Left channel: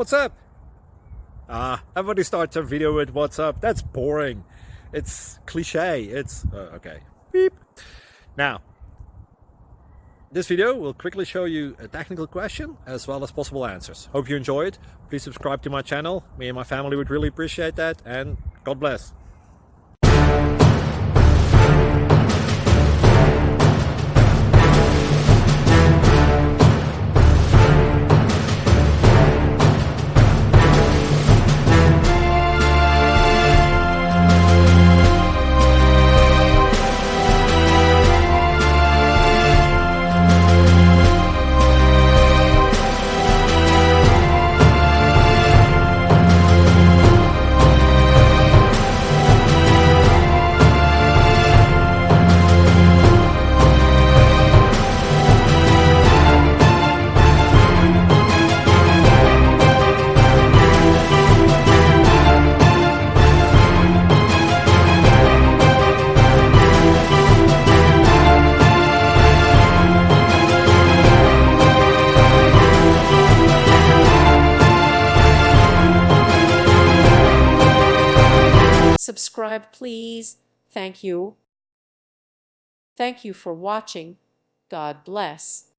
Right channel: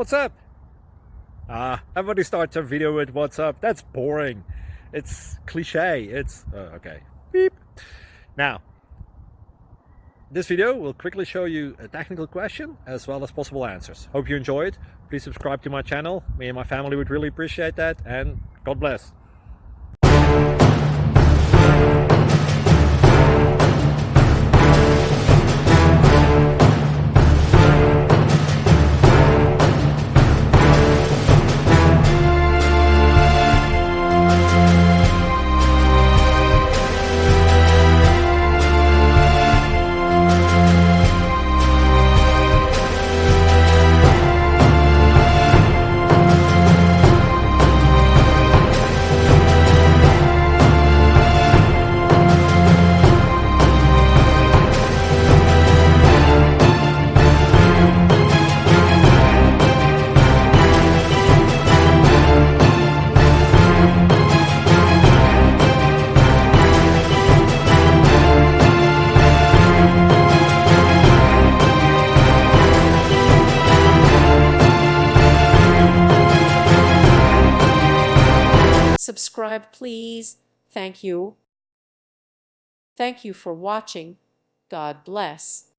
What's up? Everybody starts a video with what's up. That's boring. It's cliche. It's okay. Beep. Now, this video will quickly show you a technical question as well as possible answers. Hope you enjoy it. Please subscribe to my channel. Me and my family would really appreciate that, and God bless. Subscribe, please. Thank you. Thank you for watching. God bless.